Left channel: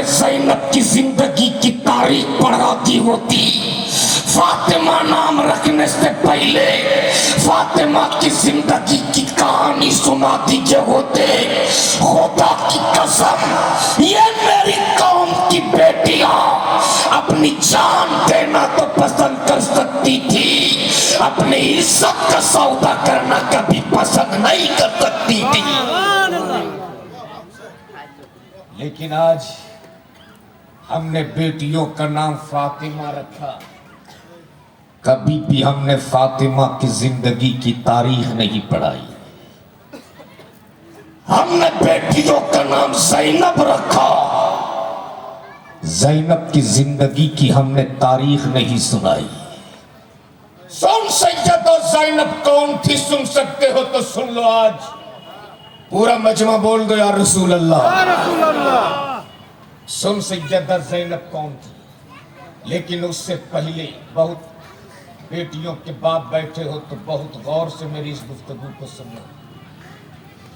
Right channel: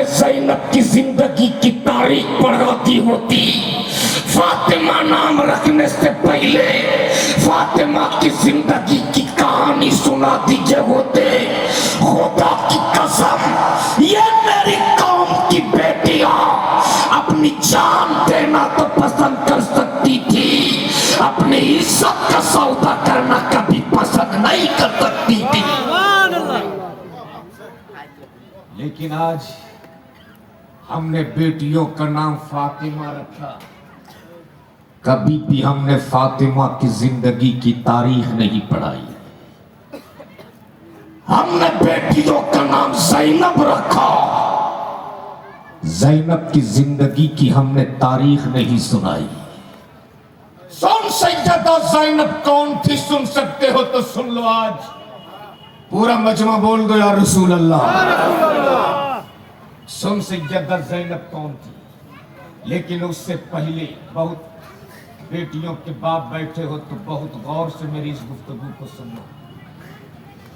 نے زینب کی زندگی کی تاریخ پڑھا دی ہوتی، فاطمہ نام رکھنے سے پہلے فاطمہ کی زندگی کی کہانی سنا دیجئے ہوتے، خدا کی قسم یہ میری قوم کی بیٹیاں اپنی جان دینا تو پسند کر سکتی تھی، اپنی عزت کا سودا کرنا کبھی پسند نہیں کر سکتی تھی۔ لیکن آج ہم نے بیٹیوں کا نام فاطمہ رکھا، کبھی بھی ہم نے فاطمہ کی زندگی کی تاریخ نہیں پڑھائی۔ ہم نے بیٹیوں کا نام زینب رکھا، زینب کی زندگی کی ہم نے تاریخ نہیں سنائی۔ سن سیدہ زینب کون تھی؟ سن سکتے ہو تو سن لو، آج پورا مجمع بول دو یا رسول اللہ۔ سن سیدہ زینب کون تھی، لیکن اس سے پہلے بہت بیٹیوں کے باپ بیٹھے ہو تو بہت غور سے میری اس گفتگو کو سنو،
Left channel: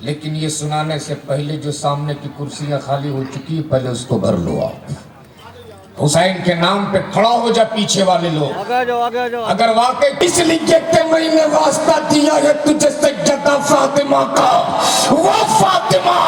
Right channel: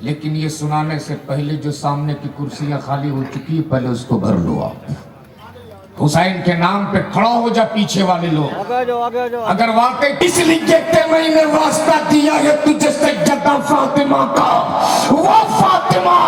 لیکن یہ سنانے سے پہلے جو سامنے کی کرسیاں خالی ہو چکی ہے پہلے اس کو بھر لو۔ آپ حسین کے نام پہ کھڑا ہو جا پیچھے والے لوگ، اگر واقعی اس لیے کہ میں نے واسطہ دیا ہے تجھے سیدہ فاطمہ کا، وہ فاطمہ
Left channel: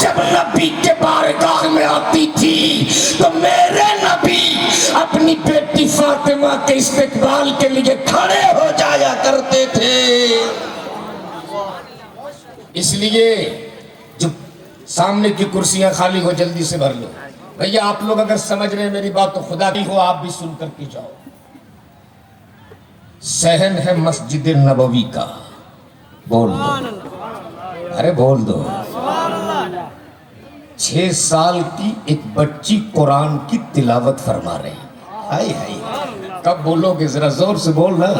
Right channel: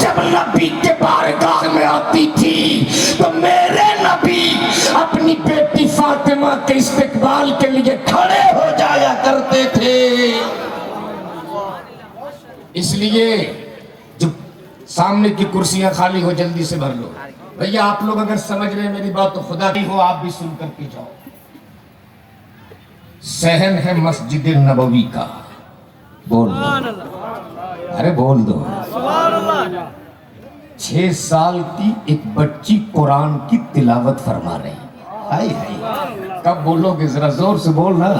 جب نبی کے بارگاہ میں آتی تھی تو میرے نبی اپنی بیٹی فاطمہ کے استقبال کے لیے کھڑے ہو جایا کرتے تھے۔ اس لیے جو سامنے کی کرسیاں خالی ہو جلدی سے بھر لو۔ بھئیہ آپ لوگ اگر سمجھ رہے ہیں میری بات تو خدا کی ہو، آپ بھی سن کر کے جاؤ۔ صحن ہے مسجد نبوی کا، بول دو، ارے بول دو۔ 6 سال کی ایک بچی قرآن کی تلاوت فرما رہی، ہائے ہائے، کب بولو گے؟ ذرا زور سے بولنا۔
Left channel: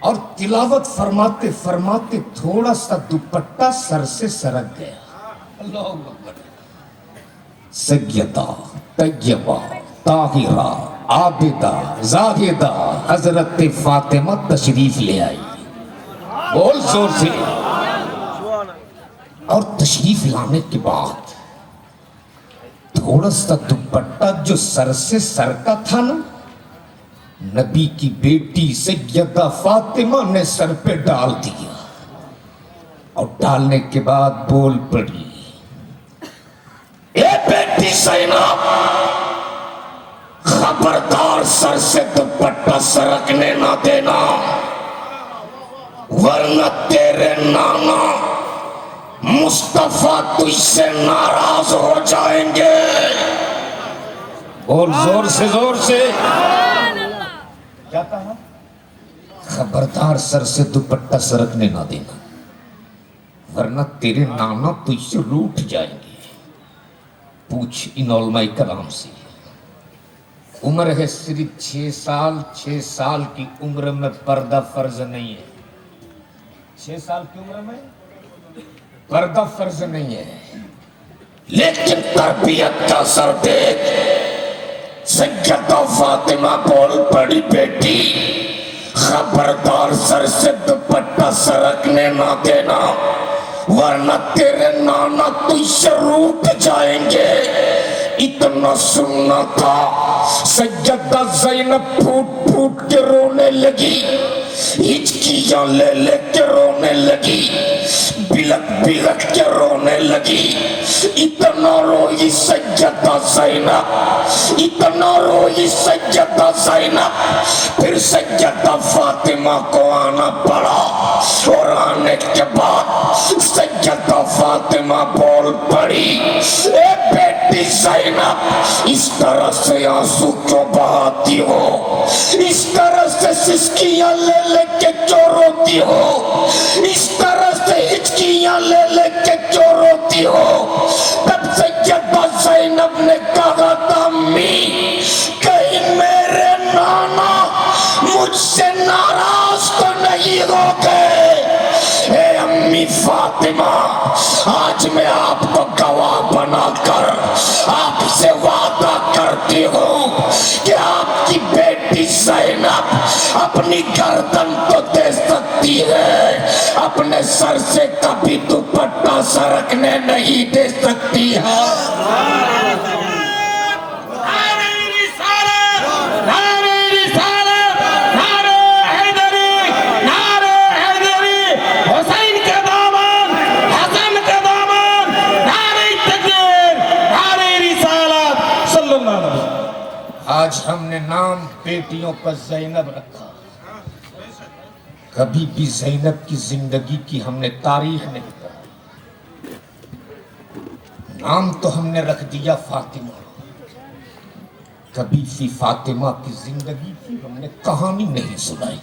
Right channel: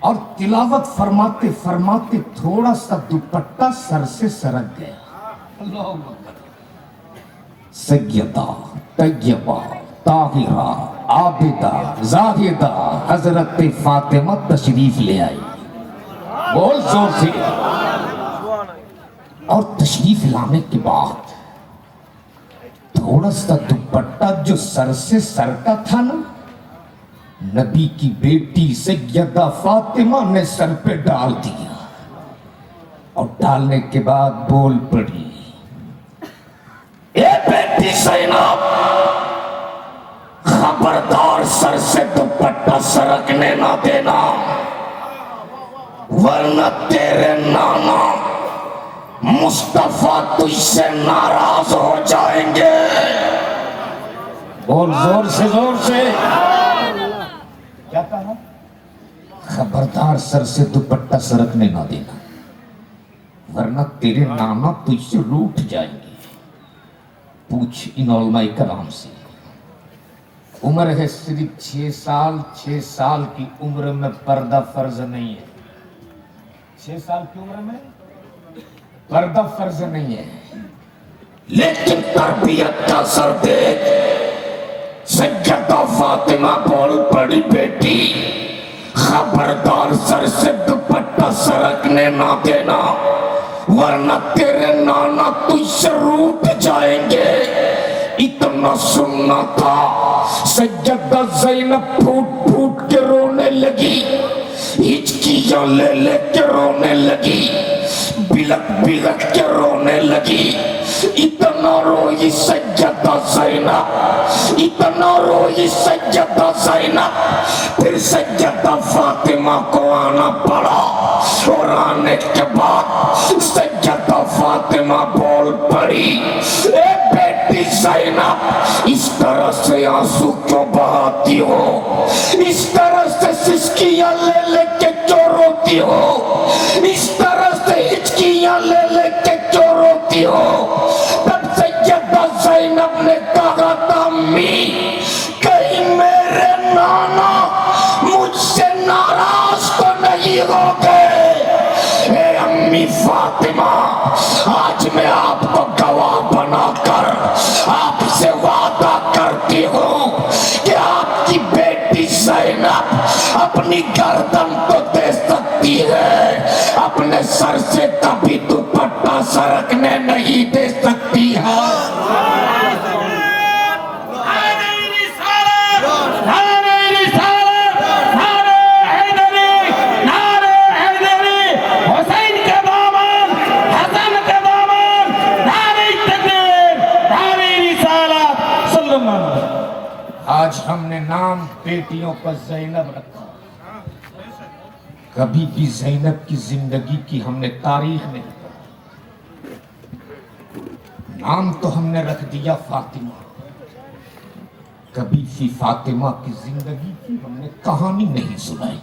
اور تلاوت فرماتے فرماتے تھوڑا سا دوپٹہ سر سے سرک گیا۔ اللہ اکبر۔ سیدہ طیبہ طاہرہ عابدہ زاہدہ حضرت فاطمہ تشریف لے آئی، بول زور سے۔ اور تشریف لانے کے بعد تھوڑا سا دوپٹہ جو سر سے سرکا تھا نا، نبی کی بیٹی سیدہ فاطمہ نے سر پہ ڈال دیا، اور ڈالنے کے بعد بول پڑی، اے بیٹی زینب، خبردار سر سے دوپٹہ سرکنے نہ دینا، ورنہ تیرے نانا مصطفیٰ تجھ سے ناراض ہو جائیں گے۔ بول زور سے، زور سے۔ کیا کہا؟ خبردار سر سے دوپٹہ سرکنے نہ دینا، ورنہ تیرے نانا تجھ سے روٹھ جائیں گے۔ پوچھ ان علماء کرام سے، عمر ہے صرف 6 سال، 6 سال کی عمر میں پردہ فرض نہیں ہے، 6 سال کی عمر میں پردہ فرض نہیں ہے، لیکن تربیت کا اثر دیکھ۔ سیدہ فاطمہ بول پڑی، بیٹی خبردار سر سے دوپٹہ سرکنے نہ دینا، ورنہ تیرے نانا تجھ سے روٹھ جائیں گے۔ اتنا سننا تھا، سیدہ زینب پھوٹ پھوٹ کے رونے لگی، ہچکیاں لے لے کے رونے لگی، بلک بلک کے رونے لگی۔ اتنا روئی سیدہ زینب، اتنا روئی سیدہ زینب، پھر سیدہ فاطمہ کو آنا پڑا، اور آنے کے بعد سیدہ فاطمہ بول پڑی، اے بیٹی زینب، اس طرح سے آنسو کیوں بہاتی ہو؟ اس طرح سے سسکیاں لے لے کے کیوں روتی ہو؟ اس طرح سے ہچکیاں لے لے کے کیوں روتی ہو؟ تب سیدہ زینب نے کہا تھا، امی کہیں میرے نانا مجھ سے ناراض تو نہیں ہو گئے؟ اے امی فاطمہ، آج میں آپ کو گواہ بنا کر آپ سے وعدہ کرتی ہوں کہ آپ کی بیٹی زینب اپنی گردن تو دے سکتی ہے، اپنے سر سے کبھی دوپٹہ سرکنے نہیں دے سکتی ہے۔ آج ہم نے نام بیٹیوں کا زینب رکھا. کبھی بھی زینب کی زندگی کی ہم نے تاریخ نہیں پڑھا. نام تو ہم نے رکھ دیا فاطمہ. کبھی بھی فاطمہ کی زندگی کی ہم نے کہانی نہیں سنائی.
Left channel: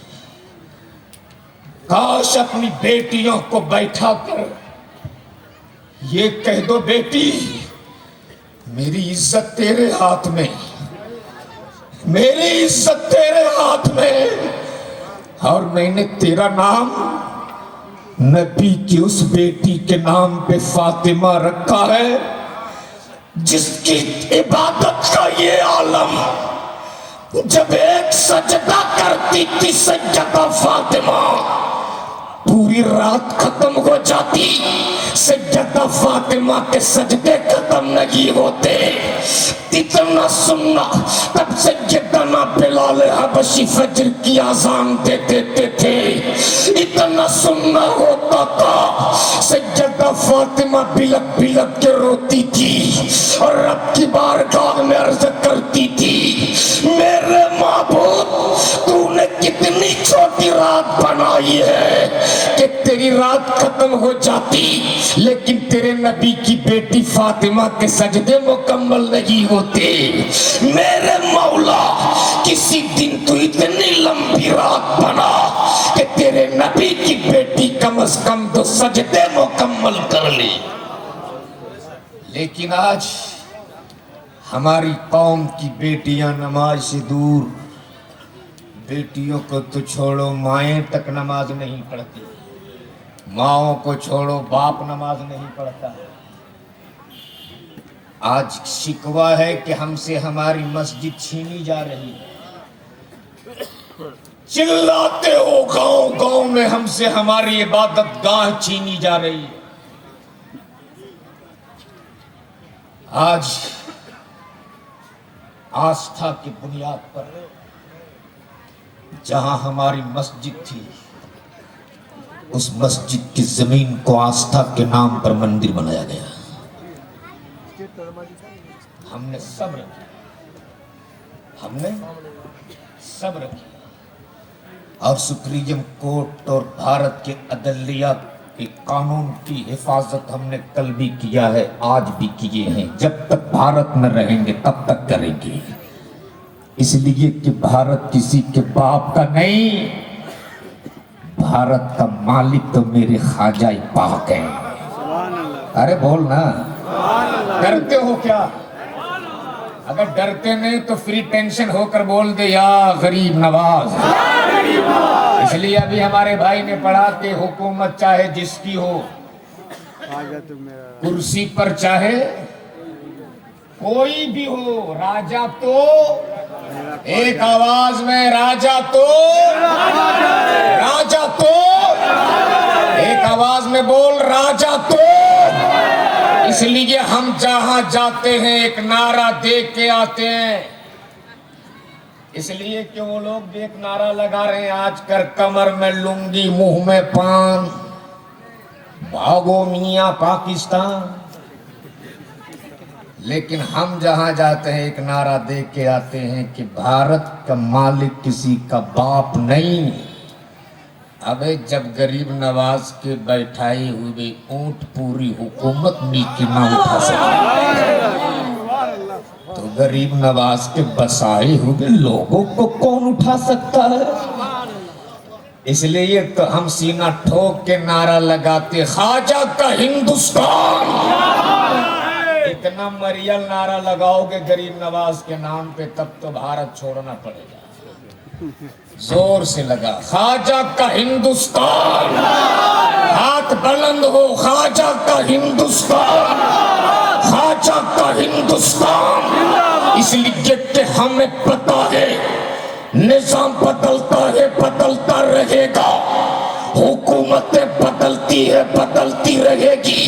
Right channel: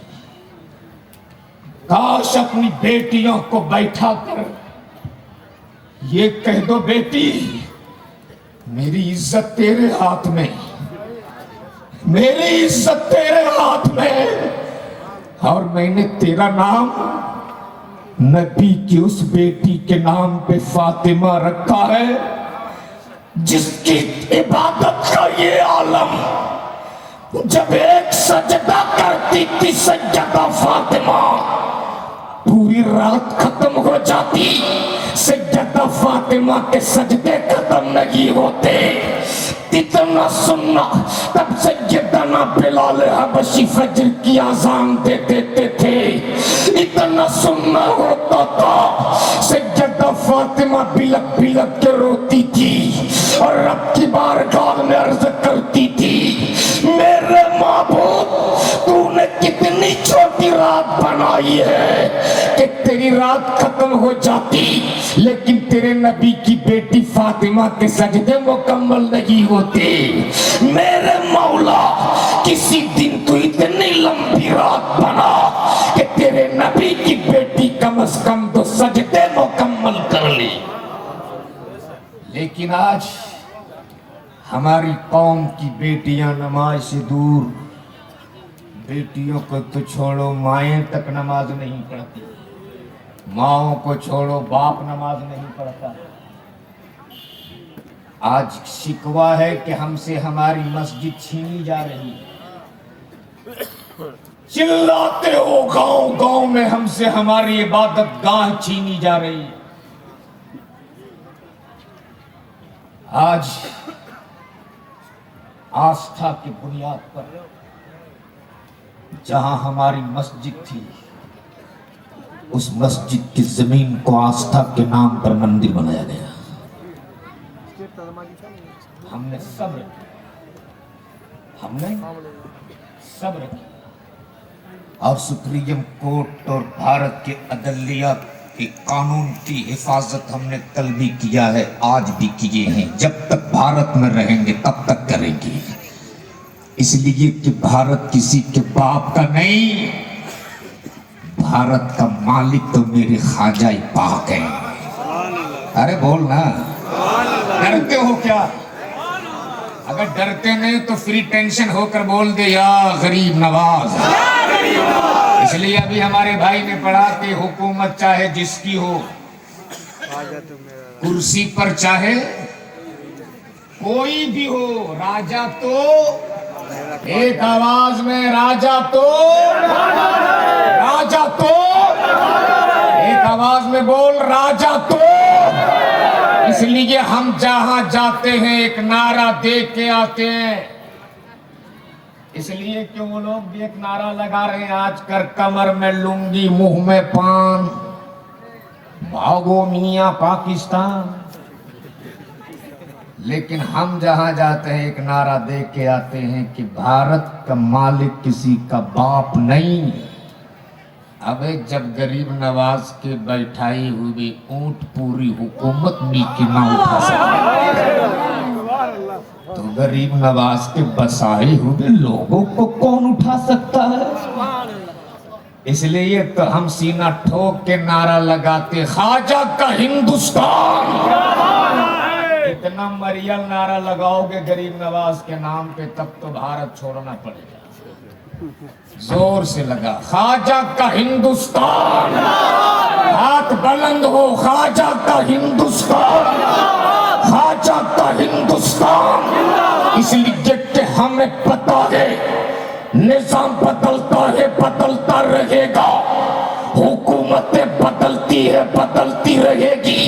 کاش اپنی بیٹیوں کو بیٹھا کر یہ کہہ دو بیٹی میری عزت تیرے ہاتھ میں, میری عزت تیرے ہاتھ میں, اور میں نے تیرا نام نبی کی اس بیٹی کے نام پہ فاطمہ رکھا ہے جس کی عبادت کا یہ عالم جب ایک سجدہ کرتی تھی سیدہ فاطمہ پوری رات ختم ہو جاتی. سیدہ فاطمہ کے سجدے ختم نہیں ہوتے. اتنا سننا تب سیدنا بلال حبشی فجر کی اذان دے دیتے تھے. اتنا سننا ہوتا تھا سیدہ فاطمہ بلک بلک کے روتی تھی اور رب کی بارگاہ میں عرض کرتی تھی میرے معبود تو نے کتنی چھوٹی رات بنائی ہے کہ تیری رات ختم ہو جاتی لیکن تیرے نبی کی بیٹی فاطمہ کے سجدے مکمل نہیں ہوتے. میرے مولا کسی دن تو اتنی لمبی رات بنا کہ تیرے نبی کی بیٹی کم از کم تو سجدے مکمل کر لی. لیکن آج ہماری قوم کی بیٹیاں نماز سے دور. بیٹیوں کو تو چھوڑو مائیں تک نماز نہیں پڑھتی, ماؤں کو چھوڑو باپ نماز نہیں پڑھتا. آج شکوہ ہے کہ ہم سے ہماری مسجد چھینی جا رہی ہے. چلاتے ہو گاؤں گاؤں میں ہم سے ہماری عبادت گاہ چھینی جا رہی ہے. آج آستھا کی بنیاد پر جہاں ہماری مسجد تھی اس مسجد کی زمین کو آستھا کے نام پر مندر بنایا گیا. ہم نے صبر کیا, ہم نے صبر کیا اور سپریم کورٹ اور بھارت کے عدلیہ کے قانون کی حفاظت ہم نے کل بھی کیا ہے, آج بھی کیے ہیں. جب تک بھارت میں رہیں گے تب تک کریں گے. اس لیے کہ بھارت کسی کے باپ کا نہیں, بھارت کا مالک تو میرے خواجہ پاک ہیں. ارے بولنا, ڈرتے ہو کیا؟ اگر ڈرتے نہیں تو فری ٹینشن ہو کر بول دے یا غریب نواز. اس لیے ابھی ہمارے بھائی نے پڑھا کہ حکومت چاہے جس کی ہو, کرسی پر چاہے کوئی بھی ہو, راجا تو ایک آواز میں راجا تو, راجا تو ایک آواز میں بول راجا تو. اس لیے ہم جہاں جاتے ہیں ایک نعرہ دے کے آتے ہیں. اس لیے کہ وہ لوگ بھی ایک نعرہ لگا رہے ہیں آج کر کمر میں لنگی منہ میں پان, بھاگو میاں پاکستان. لیکن ہم جہاں جاتے ہیں ایک نعرہ دے کے آتے ہیں کہ بھارت کا مالک کسی کا باپ نہیں. ابے جب غریب نواز کے بیٹھائی ہوئی اونٹ پوری حکومت نیکی نہ اٹھا سکے تو غریب نواز کے بسائے ہوئے لوگوں کو کون اٹھا سکتا ہے؟ اس لیے تو ہم سینہ ٹھوک کے نعرہ لگاتے خواجہ کا ہندوستان. اتنا مریل نعرہ لگاؤ گے غریب نواز کے نام پہ تب تو بھارت چھوڑنا پڑے گا. زور سے لگا خواجہ کا ہندوستان, ہاتھ بلند ہو خواجہ کا ہندوستان, خواجہ کا ہندوستان. اس لیے کہ ہمیں پتہ ہے نظام بدلتا ہے بدلتا رہے گا, حکومتیں بدلتی ہے بدلتی رہے گی,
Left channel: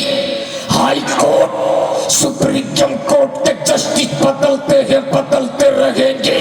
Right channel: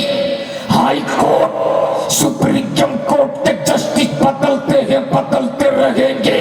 ہائی کورٹ سپریم کورٹ کے جسٹس بدلتے ہیں بدلتے رہیں گے,